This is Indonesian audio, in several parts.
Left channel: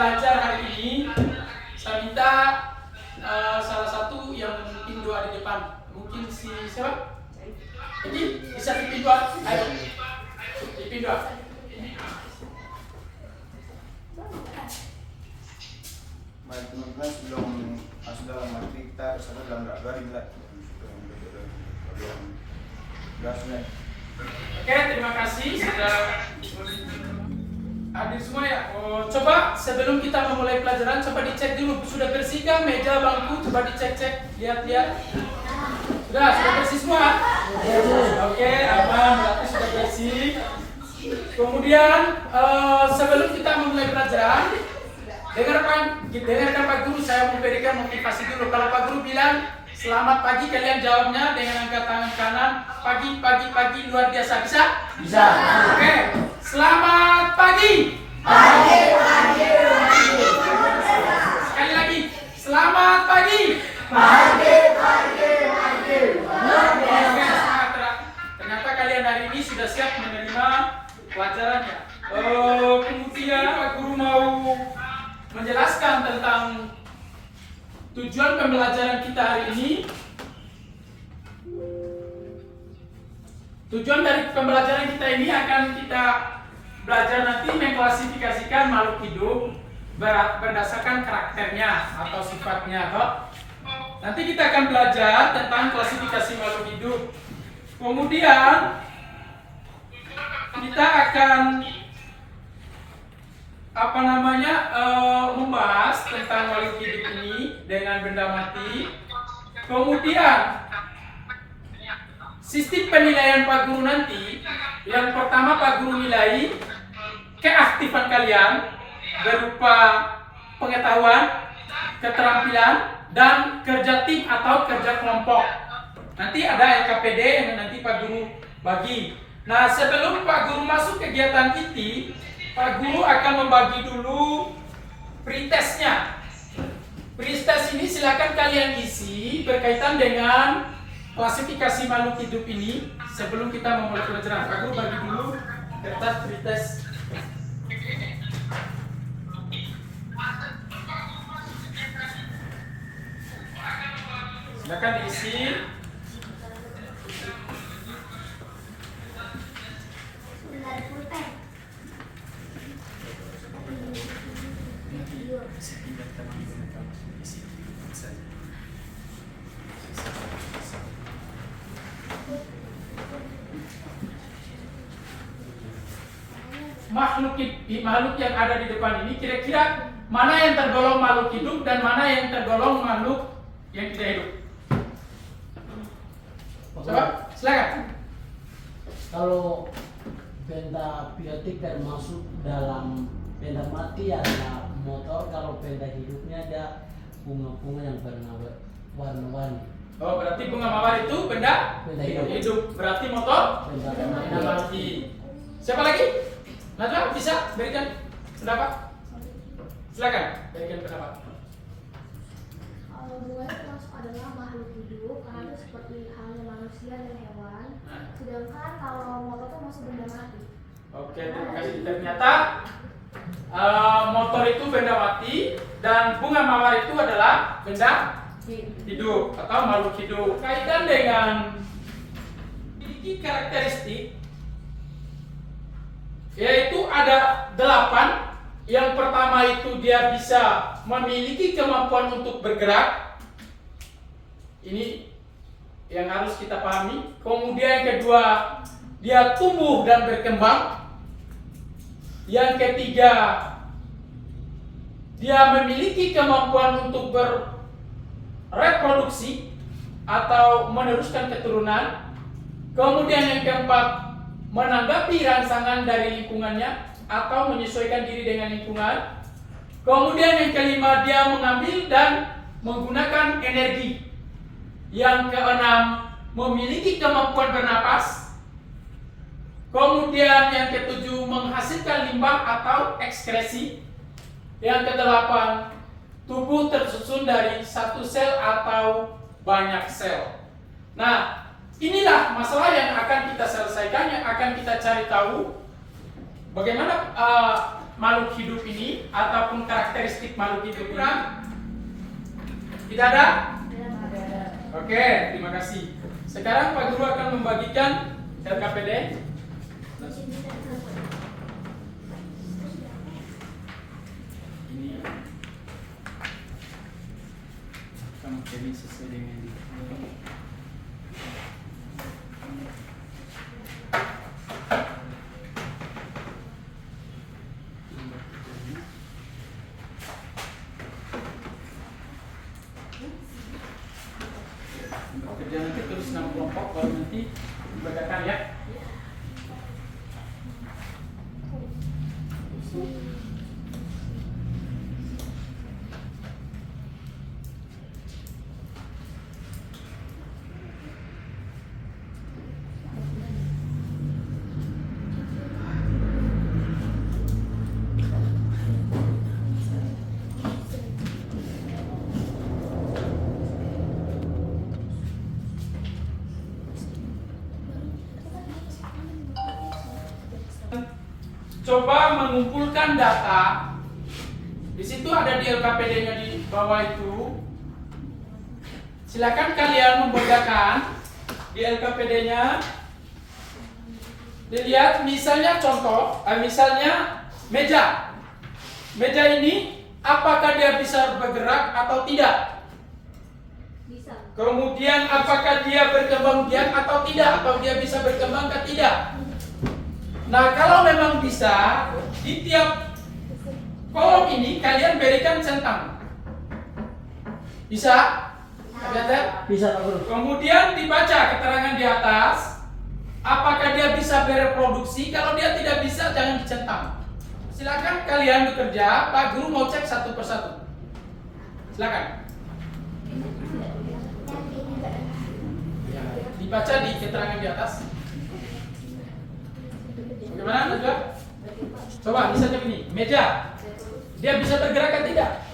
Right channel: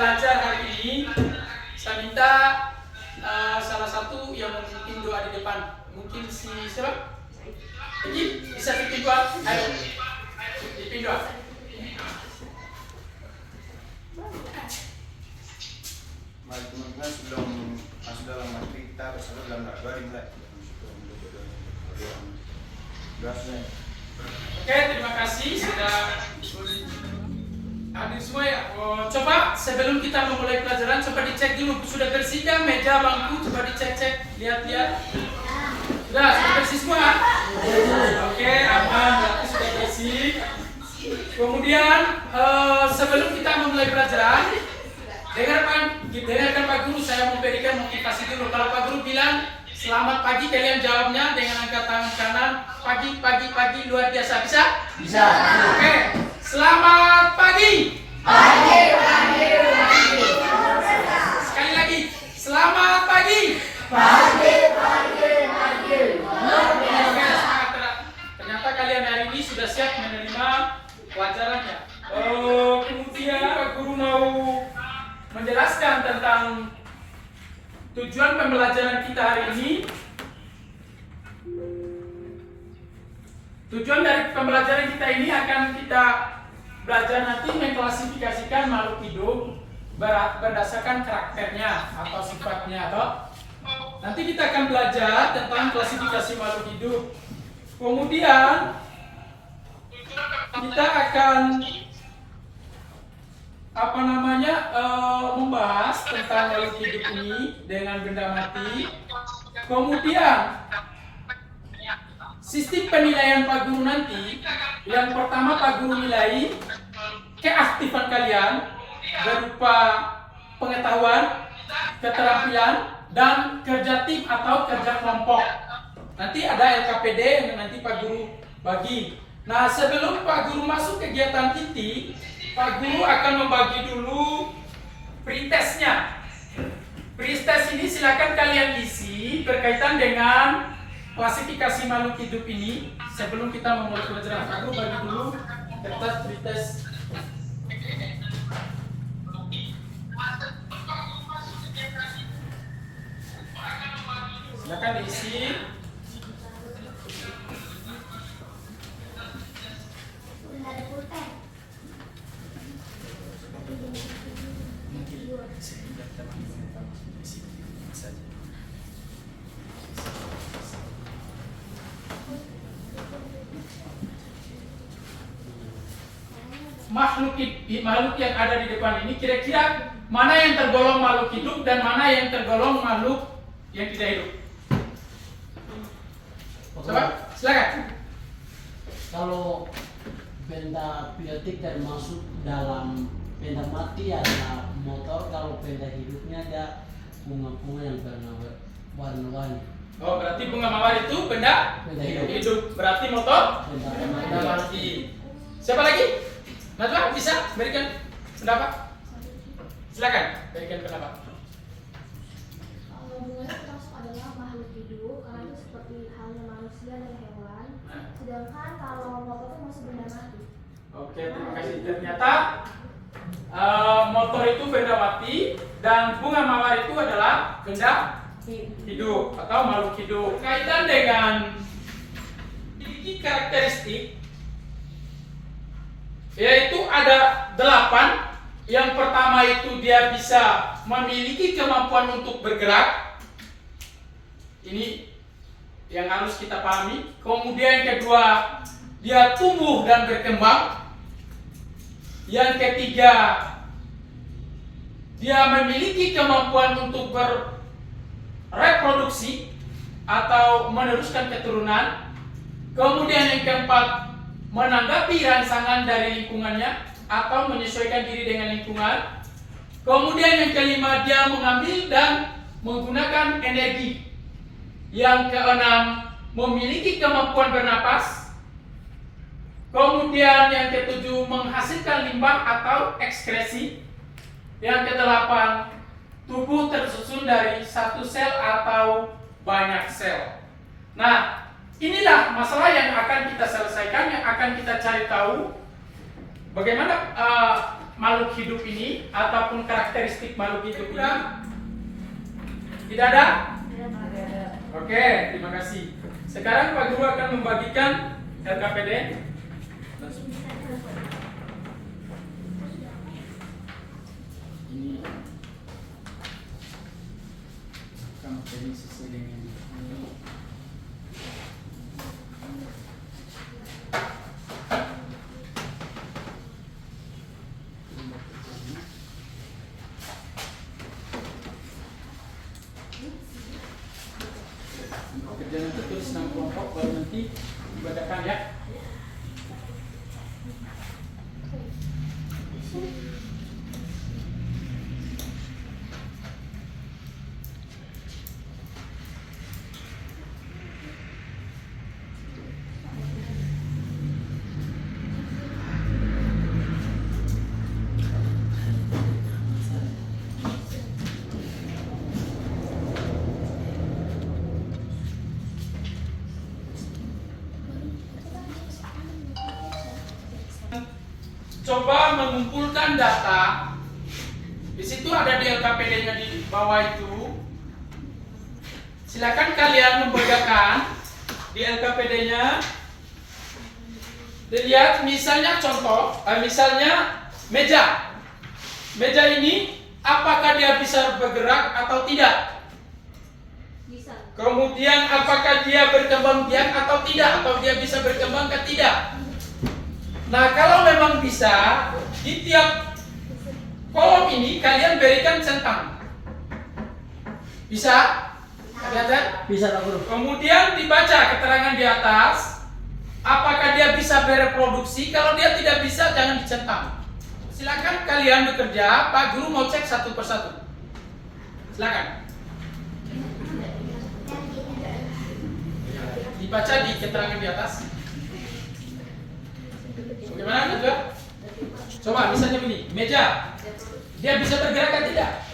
belajar hari ini, saya minta salah satu yang memimpin doa di depan. Mungkin si siapa? Jadi bisa pimpin doa. Ayo, pimpin doa. Mari teman-teman sebelum masuk dalam materi kita bersama dalam doa dimulai. Oke, terima kasih sudah hadir semua ya. Coba sebelum kita memulai pelajaran, coba dicek dulu sudah bersihkah meja, bangku, coba dicek-cek, lihat-lihat. Sudah bersih semua? Oke, aman, berarti sudah bersih. Kemudian sebelum kita memulai pelajaran, dengarkan Pak Guru, saya memberikan motivasi dulu. Kalau Pak Guru bilang selamat pagi, kalian jawabnya dengan angkat tangan kanan. Pagi, luar biasa. Bisa? Bisa. Oke. Selamat pagi. Pagi. Sekali lagi. Selamat pagi. Pagi. Oke, ternyata kalian hari ini sudah siap menerima pelajarannya. Kemudian Pak Guru mau menjelaskan tentang tujuan pembelajaran kita hari ini. Tujuan dari pembelajaran kita ini akan kita belajar nanti mengklasifikasikan makhluk hidup berdasarkan karakternya atau sifatnya. Nanti kita akan belajar tentang klasifikasi makhluk hidup. Kemudian kita akan membahas tentang makhluk hidup ini dengan benda mati. Kemudian sistem penilaian Pak Guru nanti, yang pertama Pak Guru nilai keaktifan kalian berupa pengetahuan, keterampilan, dan kerja tim atau kerja kelompok. Nanti ada LKPD yang nanti Pak Guru bagi. Nah, sebelum Pak Guru masuk kegiatan inti, Pak Guru akan membagi dulu pretestnya. Pretest ini silakan kalian isi berkaitan dengan klasifikasi makhluk hidup ini sebelum kita memulai pelajaran. Pak Guru bagi dulu kertas pretest. Silakan diisi. Makhluk yang ada di depan ini kira-kira mana yang tergolong makhluk hidup dan mana yang tergolong makhluk yang tidak hidup? Coba, silakan. Kalau benda biotik termasuk dalam benda mati adalah motor. Kalau benda hidupnya ada bunga-bunga yang warna-warni. Oh, berarti bunga mawar itu benda hidup. Berarti motor benda mati. Siapa lagi? Najwa, bisa berikan pendapat? Silakan berikan pendapat. Kalau bunga itu termasuk adalah makhluk hidup karena itu seperti halnya manusia dan hewan. Sedangkan kalau motor itu masuk benda mati. Oke, terima kasih. Ternyata motor itu benda mati dan bunga mawar itu adalah benda hidup atau makhluk hidup. Kaitan dengan memiliki karakteristik, yaitu ada 8. Yang pertama itu dia bisa memiliki kemampuan untuk bergerak. Ini yang harus kita pahami. Kemudian yang kedua, dia tumbuh dan berkembang. Yang ketiga, dia memiliki kemampuan untuk bereproduksi atau meneruskan keturunan. Kemudian yang keempat, menanggapi rangsangan dari lingkungannya atau menyesuaikan diri dengan lingkungan. Kemudian yang kelima, dia mengambil dan menggunakan energi. Yang keenam, memiliki kemampuan bernapas. Kemudian yang ketujuh, menghasilkan limbah atau ekskresi. Yang kedelapan, tubuh tersusun dari satu sel atau banyak sel. Nah, inilah masalah yang akan kita selesaikan, yang akan kita cari tahu bagaimana makhluk hidup ini ataupun karakteristik makhluk hidup ini? Tidak ada? Oke, terima kasih. Sekarang Pak Guru akan membagikan LKPD. Ini kan ini sesuai dengan ini. Kerja nanti tulis 6 kelompok baru nanti dibacakan ya. Coba mengumpulkan data. Di situ ada di LKPD-nya di bawah itu. Silakan kalian membacakan di LKPD-nya. Dilihat misalnya contoh, misalnya meja. Meja ini apakah dia bisa bergerak atau tidak? Bisa. Kemudian apakah dia berkembang biak atau tidak? Atau dia bisa berkembang atau tidak? Nah, kalau memang bisa, di tiap kolom ini kalian berikan centang. Bisa? Ada? Bisa Pak Guru. Kemudian dibaca keterangan di atas. Apakah dia bisa bereproduksi? Kalau dia tidak bisa, jangan dicentang. Silakan kalian bekerja. Pak Guru mau cek satu persatu. Silakan. Dibaca di keterangan di atas. Bagaimana juga? Coba misalnya begini, meja. Dia bisa bergerak atau tidak?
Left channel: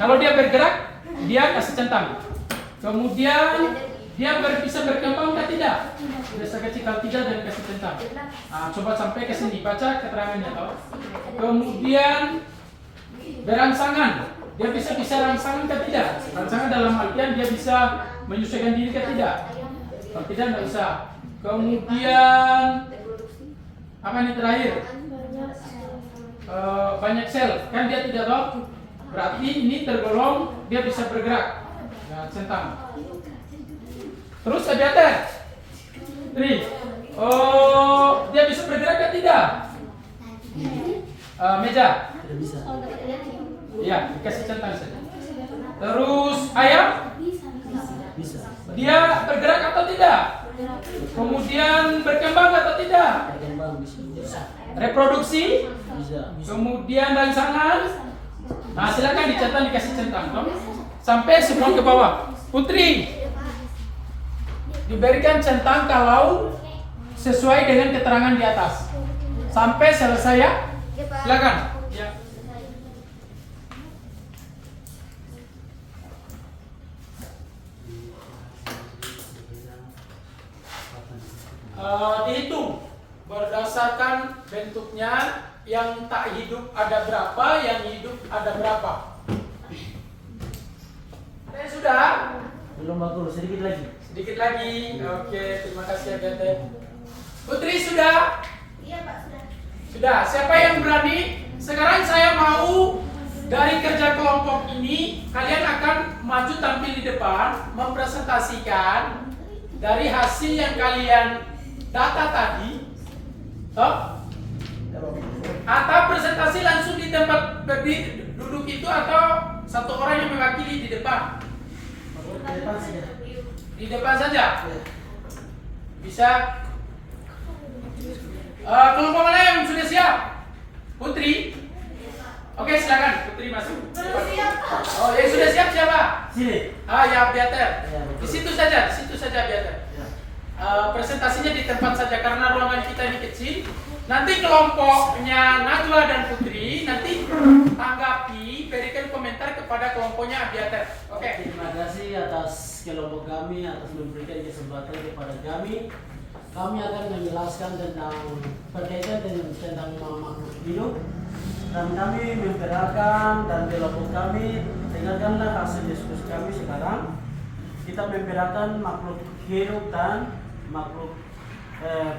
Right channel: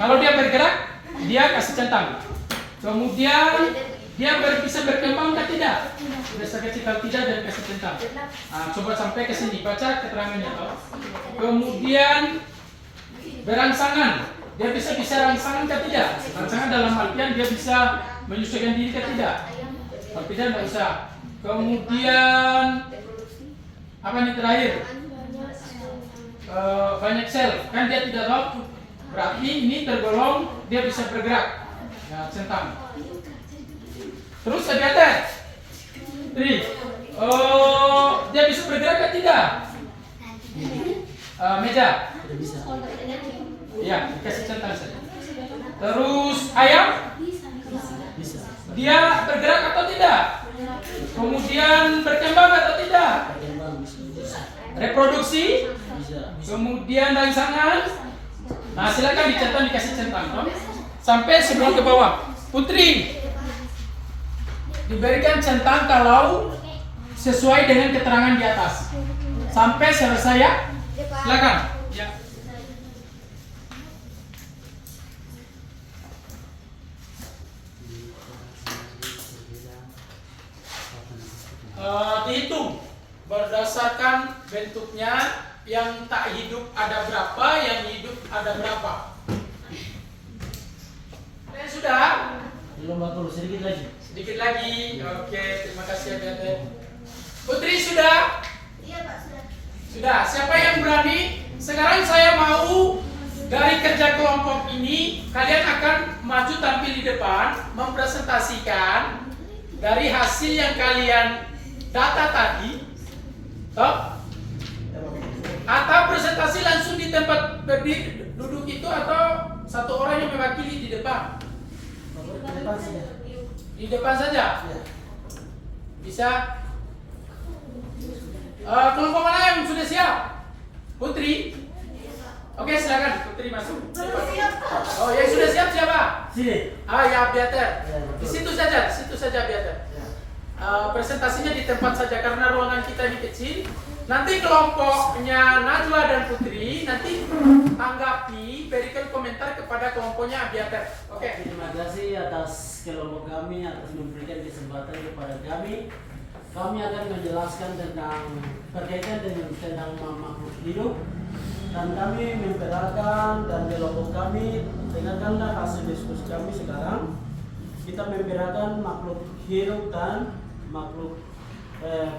Kalau dia bergerak, dia kasih centang. Kemudian dia bisa berkembang atau tidak? Biasa kecil kalau tidak dan kasih centang. Nah, coba sampai ke sini, baca keterangannya toh. Kemudian berangsangan. Dia bisa rangsangan atau tidak? Rangsangan dalam artian dia bisa menyesuaikan diri atau tidak? Kalau tidak, tidak usah. Kemudian apa ini terakhir? Banyak sel, kan dia tidak tahu. Berarti ini tergolong dia bisa bergerak. Ya, centang. Terus aviator. Dia bisa bergerak atau tidak? Meja. Tidak bisa. Ya, dikasih centang saja. Terus ayam. Bisa. Dia bergerak atau tidak? Kemudian berkembang atau tidak? Berkembang bisa. Reproduksi? Bisa. Kemudian rangsangan? Nah, silakan dicentang, dikasih centang. Toh. Sampai semua ke bawah. Putri, diberikan centang kalau sesuai dengan keterangan di atas. Sampai selesai ya. Silakan. Ya. Dihitung berdasarkan bentuknya. Yang tak hidup ada berapa, yang hidup ada berapa. Sudah? Belum Pak Guru, sedikit lagi. Sedikit lagi. Oke, terima kasih Agatha. Putri sudah? Iya Pak, sudah. Sudah. Siapa yang berani? Sekarang saya mau dari kerja kelompok ini kalian akan maju tampil di depan mempresentasikan dari hasil yang kalian data tadi. Toh? Atau presentasi langsung di tempat berdiri duduk itu atau satu orang yang mewakili di depan? Pak Guru, di depan saja. Di depan saja? Ya. Bisa? Kelompok mana yang sudah siap? Putri? Oke, silakan Putri masuk. Oh, yang sudah siap siapa? Sini. Ya Beater. Ya, Di situ saja Beater. Ya. Presentasinya di tempat saja karena ruangan kita ini kecil. Nanti kelompoknya Najwa dan Putri nanti tanggapi, berikan komentar kepada kelompoknya Abiater. Oke. Terima kasih atas kelompok kami atas memberikan kesempatan kepada kami kami akan menjelaskan tentang berkaitan dengan tentang makhluk hidup, dan kami memperhatikan dan kelompok kami dengarkanlah hasil diskusi kami sekarang. Kita memperhatikan makhluk hidup dan makhluk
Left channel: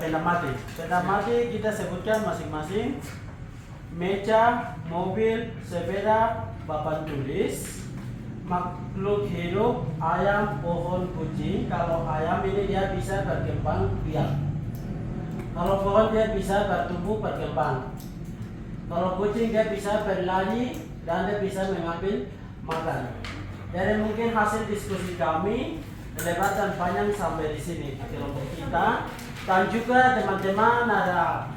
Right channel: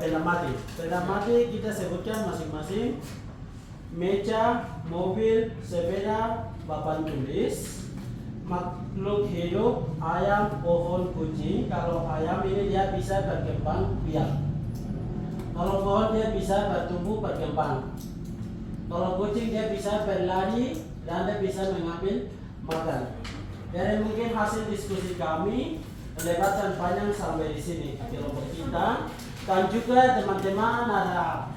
benda mati. Benda mati kita sebutkan masing-masing: meja, mobil, sepeda, papan tulis. Makhluk hidup, ayam, pohon, kucing. Kalau ayam ini dia bisa berkembang biak. Kalau pohon dia bisa bertumbuh berkembang. Kalau kucing dia bisa berlari dan dia bisa mengambil makan. Dari mungkin hasil diskusi kami lebat dan panjang sampai di sini kelompok kita, dan juga teman-teman ada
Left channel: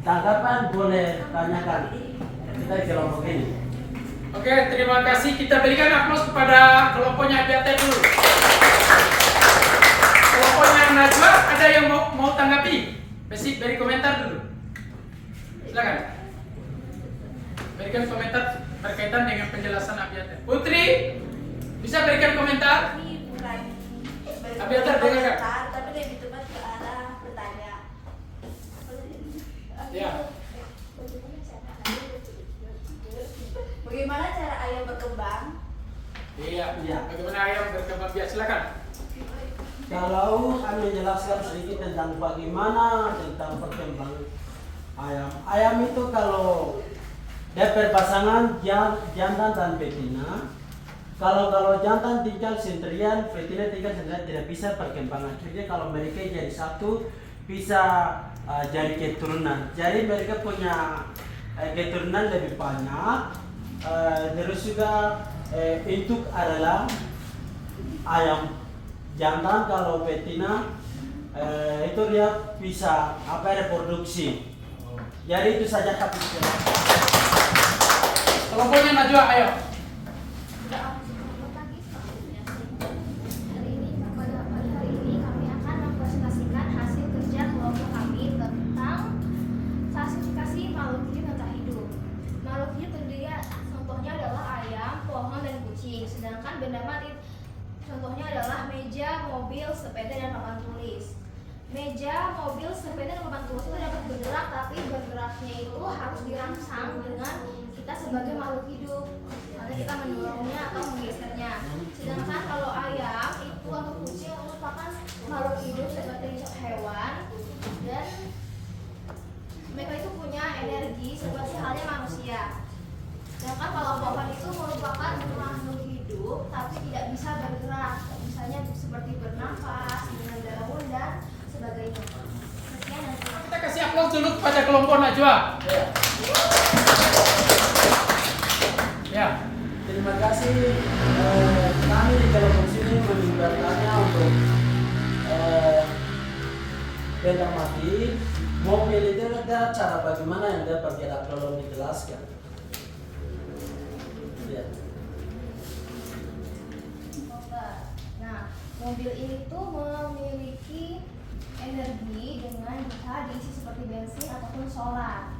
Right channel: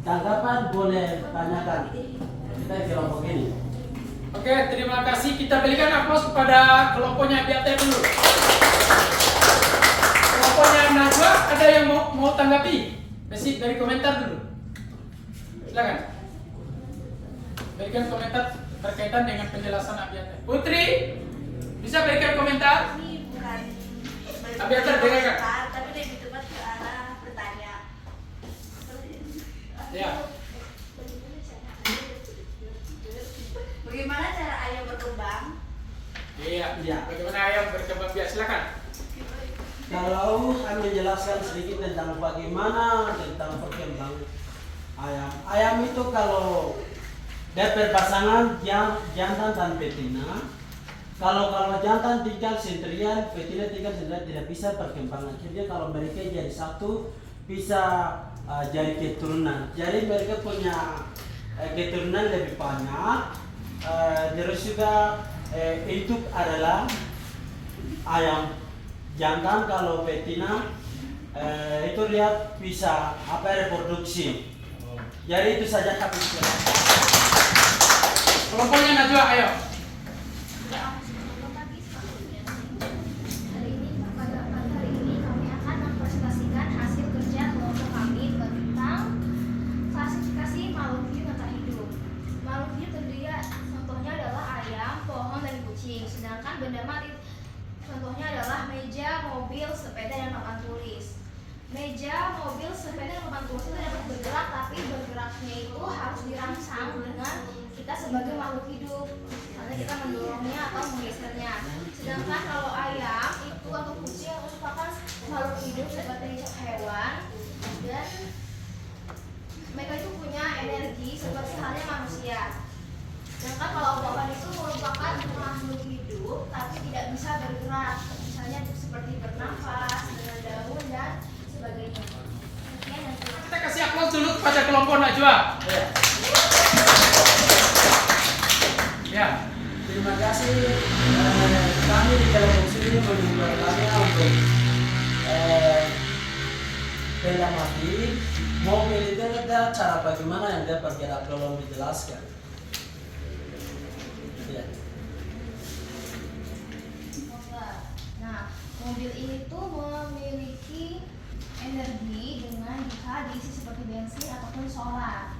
tanggapan boleh tanyakan kita di kelompok ini. Oke, terima kasih. Kita berikan aplaus kepada kelompoknya Abiate dulu. Kelompoknya Najwa, ada yang mau tanggapi? Beri komentar dulu. Silakan. Berikan komentar berkaitan dengan penjelasan Abiate. Putri, bisa berikan komentar? Ini bukan Abiate dengar. tapi lebih tepat ke arah bertanya. Ya. Bagaimana cara ayam berkembang? Iya. Iya. Bagaimana ayam berkembang biak? Silakan. Kalau kami menjelaskan sedikit tentang bagaimana tentang perkembangan ayam. Ayam itu kalau dia berpasangan jantan dan betina. Kalau jantan tinggal sendirian, betina tinggal sendirian, tidak bisa perkembangan. Jadi kalau mereka jadi satu bisa jadi keturunan. Jadi mereka punya keturunan lebih banyak. Terus juga induk adalah ayam jantan. Kalau betina itu dia bisa reproduksi. Jadi itu saja habis. Kelompoknya Najwa, ayo. Hari ini kami akan mempresentasikan hasil kerja kelompok kami tentang klasifikasi makhluk hidup dan tak hidup. Makhluk hidup terdiri contohnya adalah ayam, pohon, dan kucing. Sedangkan benda mati contohnya adalah meja, mobil, sepeda, dan papan tulis. Meja, mobil, sepeda, dan papan tulis itu dapat bergerak, tapi bergeraknya itu harus dirangsang dengan kita sebagai makhluk hidup, karena kita mendorongnya atau menggesernya. Sedangkan kalau ayam itu atau kucing merupakan makhluk hidup seperti hewan, dan mereka itu punya energi seperti halnya manusia. Sedangkan kalau pohon itu merupakan makhluk hidup tapi tidak bisa bergerak, misalnya seperti bernafas dengan daun dan sebagainya. Sekian dan terima kasih. Kita kasih aplaus dulu kepada kelompok Najwa. Ya. Terima kasih. Kami di kelompok sini menyebarkannya untuk benda mati. Mobil itu ada cara bagaimana yang dia bergerak, tolong dijelaskan. Ya. Nah, mobil ini tuh memiliki energi dengan bisa diisi seperti bensin ataupun solar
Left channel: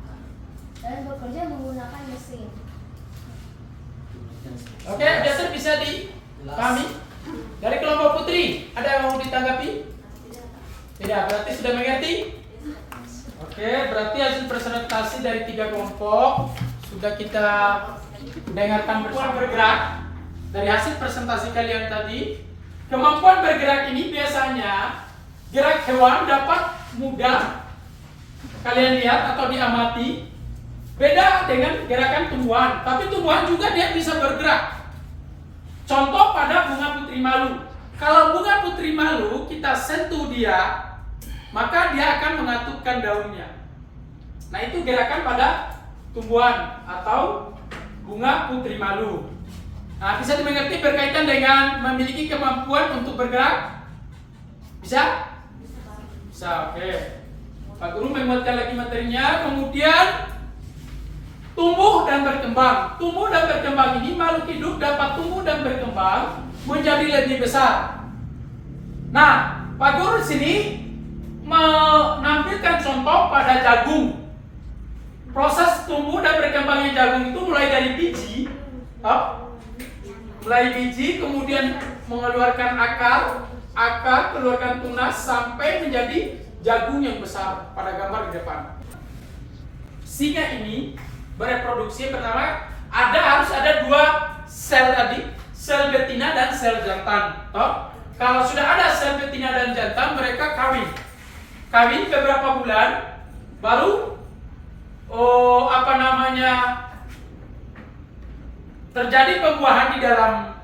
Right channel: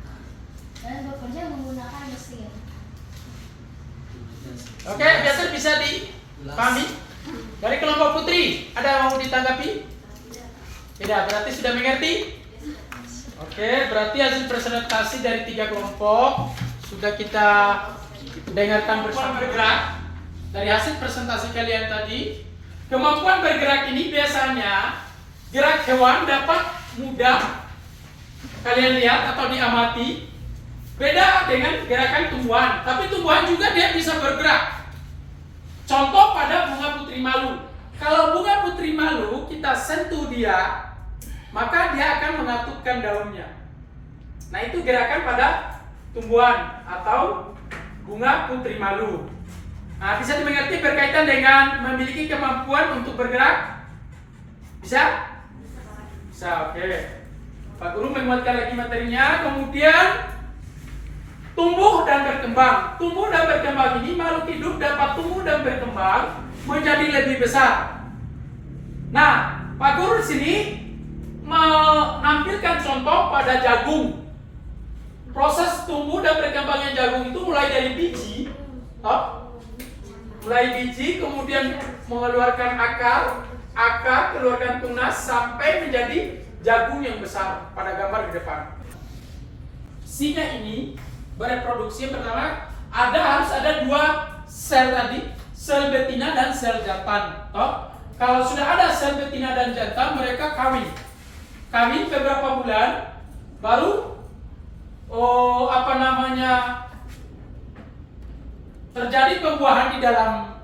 dan bekerja menggunakan mesin. Oke, biasa bisa dipahami. Dari kelompok Putri, ada yang mau ditanggapi? Tidak, berarti sudah mengerti? Oke, berarti hasil presentasi dari 3 kelompok sudah kita dengarkan bersama. Bergerak. Dari hasil presentasi kalian tadi, kemampuan bergerak ini biasanya gerak hewan dapat mudah kalian lihat atau diamati. Beda dengan gerakan tumbuhan, tapi tumbuhan juga dia bisa bergerak. Contoh pada bunga putri malu. Kalau bunga putri malu kita sentuh dia, maka dia akan mengatupkan daunnya. Nah, itu gerakan pada tumbuhan atau bunga putri malu. Nah, bisa dimengerti berkaitan dengan memiliki kemampuan untuk bergerak? Bisa? Bisa, oke. Pak Guru menguatkan lagi materinya. Kemudian tumbuh dan berkembang. Tumbuh dan berkembang ini makhluk hidup dapat tumbuh dan berkembang menjadi lebih besar. Nah, Pak Guru di sini menampilkan contoh pada jagung. Proses tumbuh dan berkembangnya jagung itu mulai dari biji, kemudian mengeluarkan akar, akar, keluarkan tunas sampai menjadi jagung yang besar pada gambar di depan. Singa ini bereproduksi pertama harus ada 2 sel tadi, sel betina dan sel jantan. Toh? Kalau sudah ada sel betina dan jantan, mereka kawin. Kawin beberapa bulan, baru terjadi pembuahan di dalam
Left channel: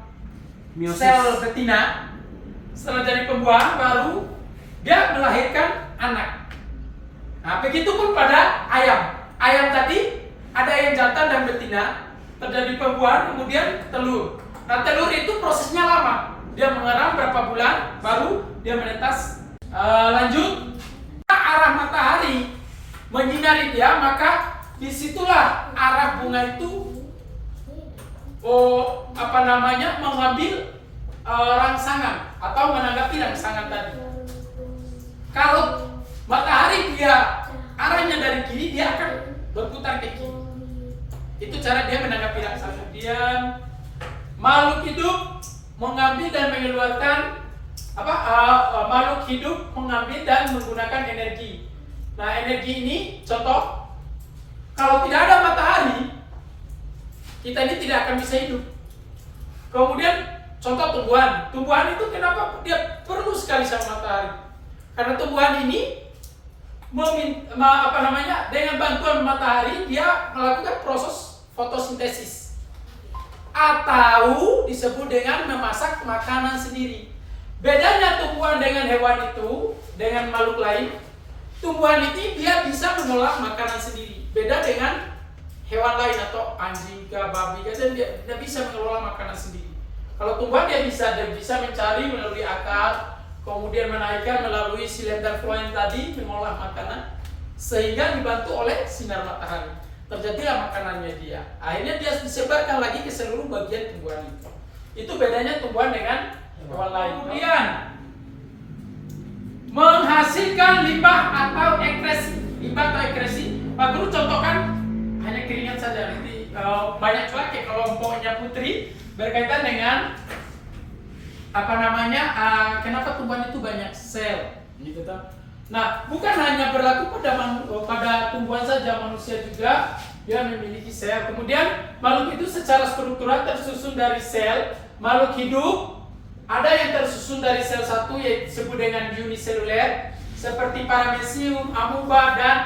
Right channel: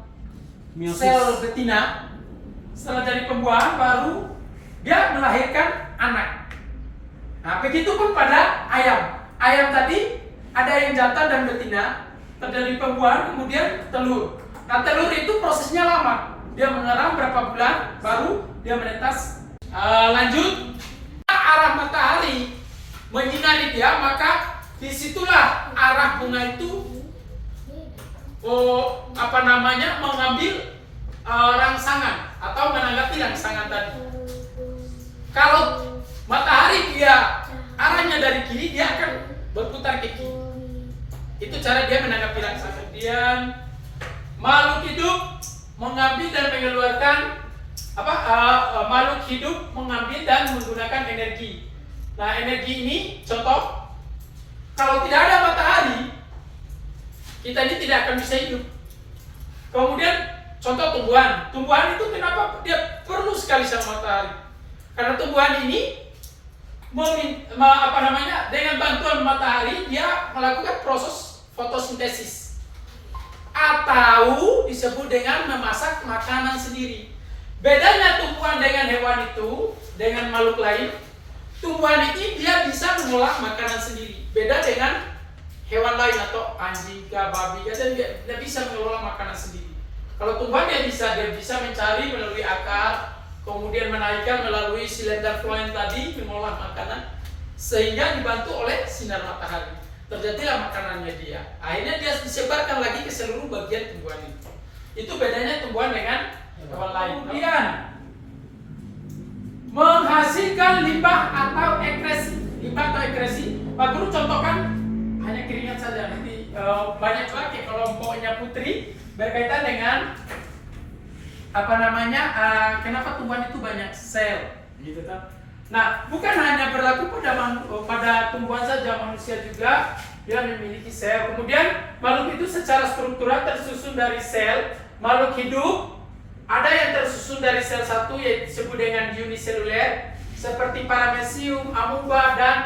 Meiosis. sel betina. Setelah jadi pembuahan, baru dia melahirkan anak. Nah, begitu pun pada ayam. Ayam tadi ada yang jantan dan betina, terjadi pembuahan, kemudian telur. Nah, telur itu prosesnya lama. Dia mengerang berapa bulan, baru dia menetas. Lanjut, arah matahari menyinari dia, maka disitulah arah bunga itu mengambil rangsangan atau menanggapi rangsangan tadi. Kalau matahari dia arahnya dari kiri, dia akan berputar ke kiri. Itu cara dia menanggapi rangsangan. Kemudian makhluk hidup mengambil dan mengeluarkan makhluk hidup mengambil dan menggunakan energi. Nah, energi ini contoh, kalau tidak ada matahari, kita ini tidak akan bisa hidup. Kemudian contoh tumbuhan. Tumbuhan itu kenapa dia perlu sekali sama matahari? Karena tumbuhan ini dengan bantuan matahari dia melakukan proses fotosintesis atau disebut dengan memasak makanan sendiri. Bedanya tumbuhan dengan hewan itu, dengan makhluk lain, tumbuhan ini dia bisa mengolah makanan sendiri. Beda dengan hewan lain atau anjing, babi, dia bisa mengelola makanan sendiri. Kalau tumbuhan dia bisa mencari melalui akar, kemudian menaikkan melalui silinder floem tadi, mengolah makanan sehingga dibantu oleh sinar matahari. Terjadilah makanannya dia. Akhirnya dia disebarkan lagi ke seluruh bagian tumbuhan itu. Itu bedanya tumbuhan dengan hewan lain. Kemudian menghasilkan limbah atau ekresi. Limbah atau ekresi, Pak Guru contohkan hanya keringat saja. Nanti banyak lagi kelompoknya Putri berkaitan dengan kenapa tumbuhan itu banyak sel, gitu kan? Nah, bukan hanya berlaku pada tumbuhan saja, manusia juga dia memiliki sel. Kemudian makhluk itu secara struktural tersusun dari sel. Makhluk hidup ada yang tersusun dari sel satu, yaitu disebut dengan uniseluler, seperti paramecium, amoeba, dan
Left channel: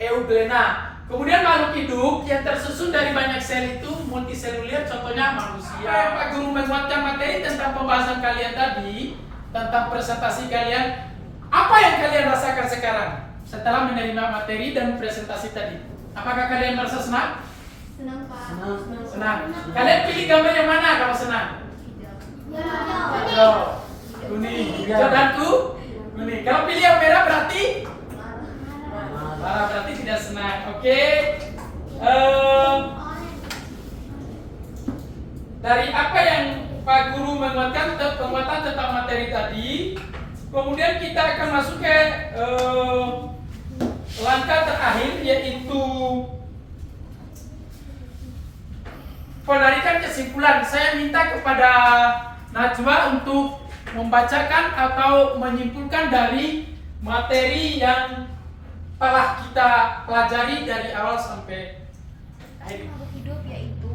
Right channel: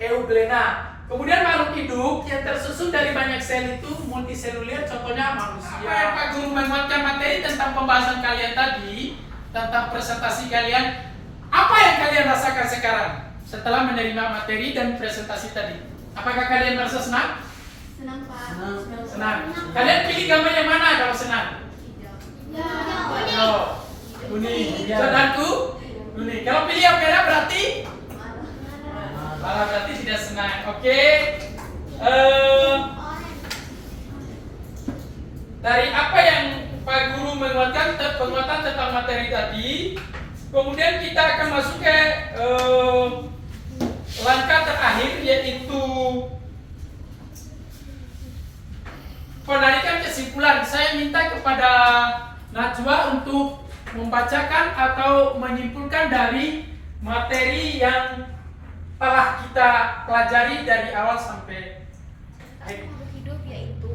euglena. Kemudian makhluk hidup yang tersusun dari banyak sel itu multiseluler, contohnya manusia. Pak Guru menguatkan materi tentang pembahasan kalian tadi, tentang presentasi kalian. Apa yang kalian rasakan sekarang setelah menerima materi dan presentasi tadi? Apakah kalian merasa senang? Senang, Pak. Senang. Kalian pilih gambar yang mana kalau senang? Kuning. Saudaraku, kuning. Kalau pilih yang merah berarti? Berarti tidak senang. Oke. Dari apa yang Pak Guru menguatkan penguatan tentang materi tadi, kemudian kita akan masuk ke langkah terakhir, yaitu penarikan kesimpulan. Saya minta kepada Najwa untuk membacakan atau menyimpulkan dari materi yang telah kita pelajari dari awal sampai akhir. Makhluk hidup yaitu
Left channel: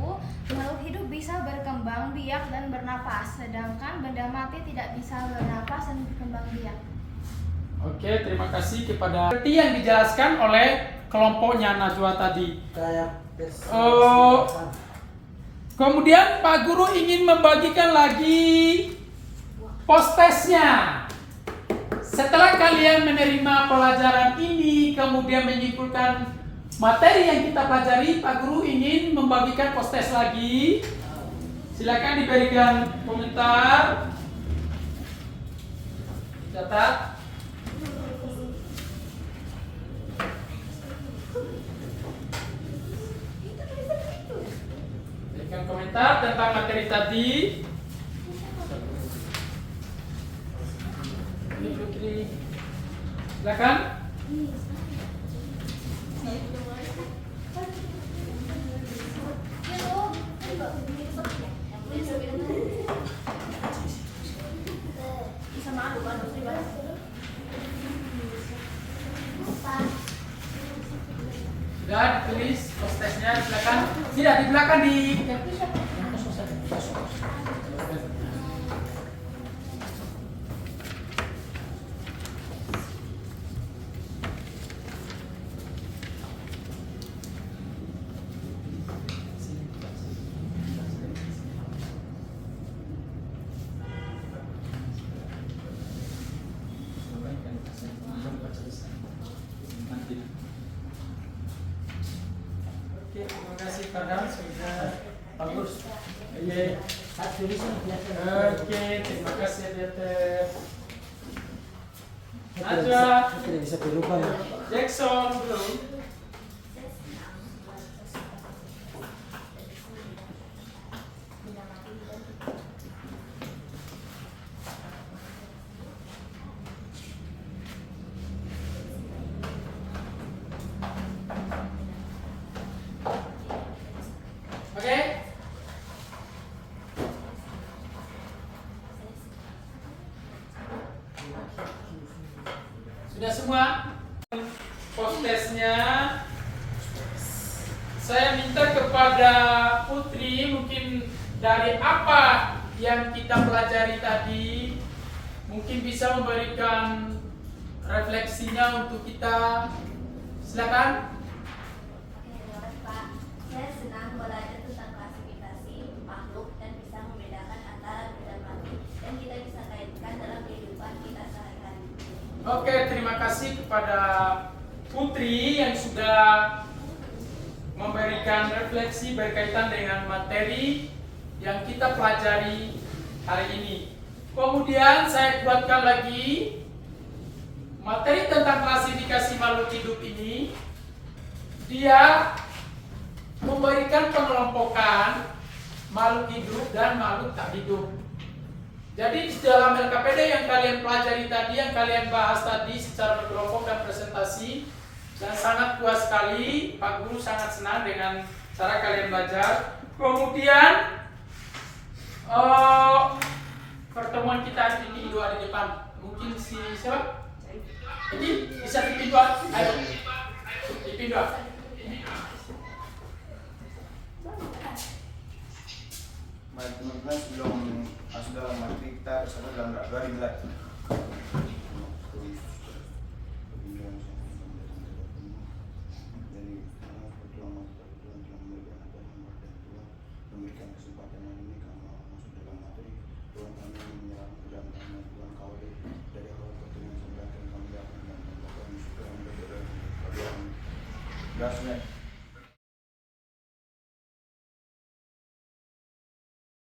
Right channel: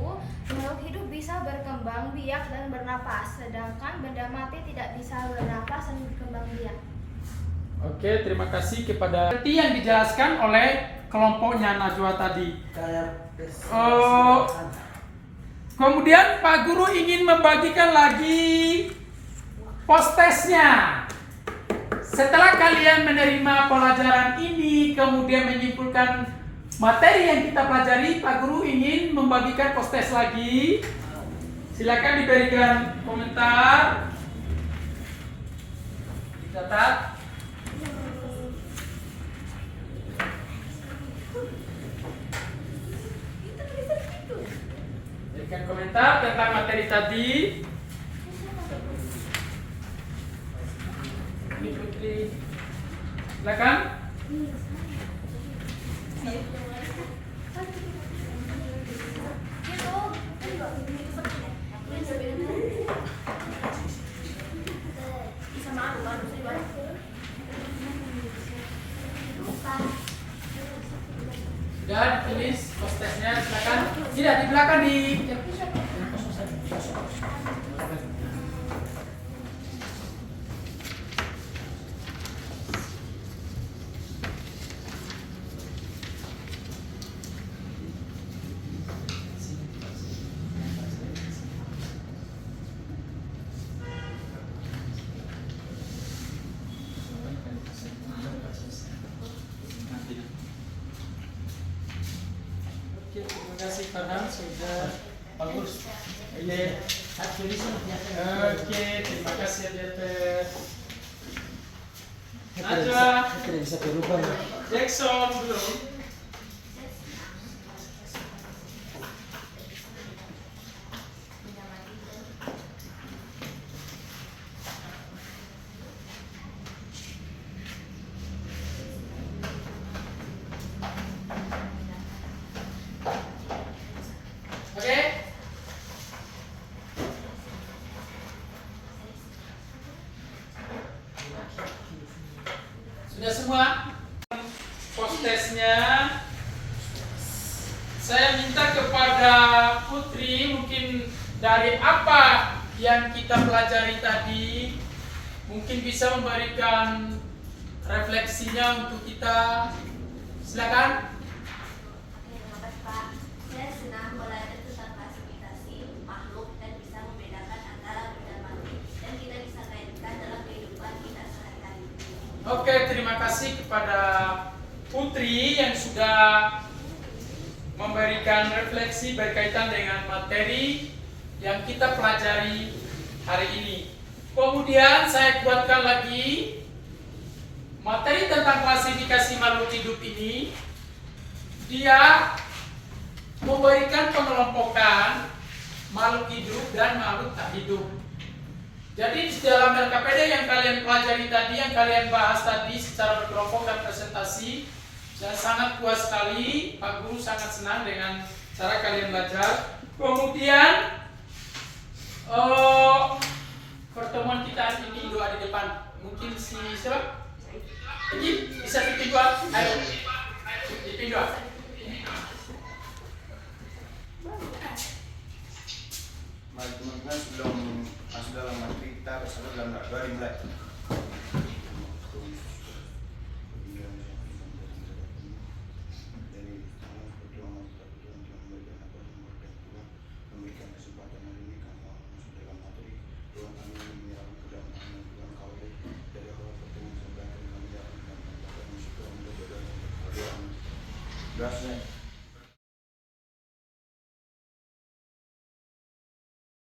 makhluk hidup bisa berkembang biak dan bernapas, sedangkan benda mati tidak bisa bernapas dan berkembang biak. Oke, terima kasih kepada seperti yang dijelaskan oleh kelompoknya Najwa tadi. Kemudian Pak Guru ingin membagikan lagi post-testnya. Setelah kalian menerima pelajaran ini, kemudian menyimpulkan materi yang kita pelajari, Pak Guru ingin membagikan post-test lagi. Silakan diberikan komentar. Dicatat. Berikan komentar tentang materi tadi. Ini Putri, silakan. Bisa malu, Sudah ditulis postesnya, silakan. Tidak di belakang di. Oke, terima kasih Farhan sudah bagus. Oke, terima kasih Abiater. Najwa, Tidak bisa berubah. Jackson belum. Oke. Sudah semua? Postesnya saya minta kepada Putri mungkin dari apa yang kita pelajari tadi mungkin bisa memberikan refleksinya untuk kita. Silakan. Oke, terima kasih Pak. Saya senang belajar tentang klasifikasi makhluk dan bisa membedakan antara hidup dan mati, dan kita bisa kaitkan dalam kehidupan kita sehari-hari. Oke, terima kasih kepada Putri yang sudah memberikan refleksi berkaitan dengan materi yang kita pelajari hari ini. Kemudian saya buatkan lagi materi tentang klasifikasi makhluk hidup ini. Dia memberikan pengelompokan makhluk hidup dan makhluk tak hidup. Jadi di dalam LKPD yang kalian pelajari tadi, yang kalian bahas tadi secara berkelompok dan presentasi, dan sangat puas sekali, Pak Guru sangat senang dengan cara kalian belajar. Kemudian pertemuan kita hari ini doa di depan. Mungkin si siapa? Ini bisa dipindu, ayo dipindu. Mari teman-teman sebelum masuk dalam materi kita bersatu dalam doa dimulai. Memberikan kesempatan hari ini kami masuk dalam materi. Tuhan kami menyerahkan ke dalam tangan Tuhan kau dari awal pertemuan sampai akhir kami akan melakukan syukur dan berdoa. Doa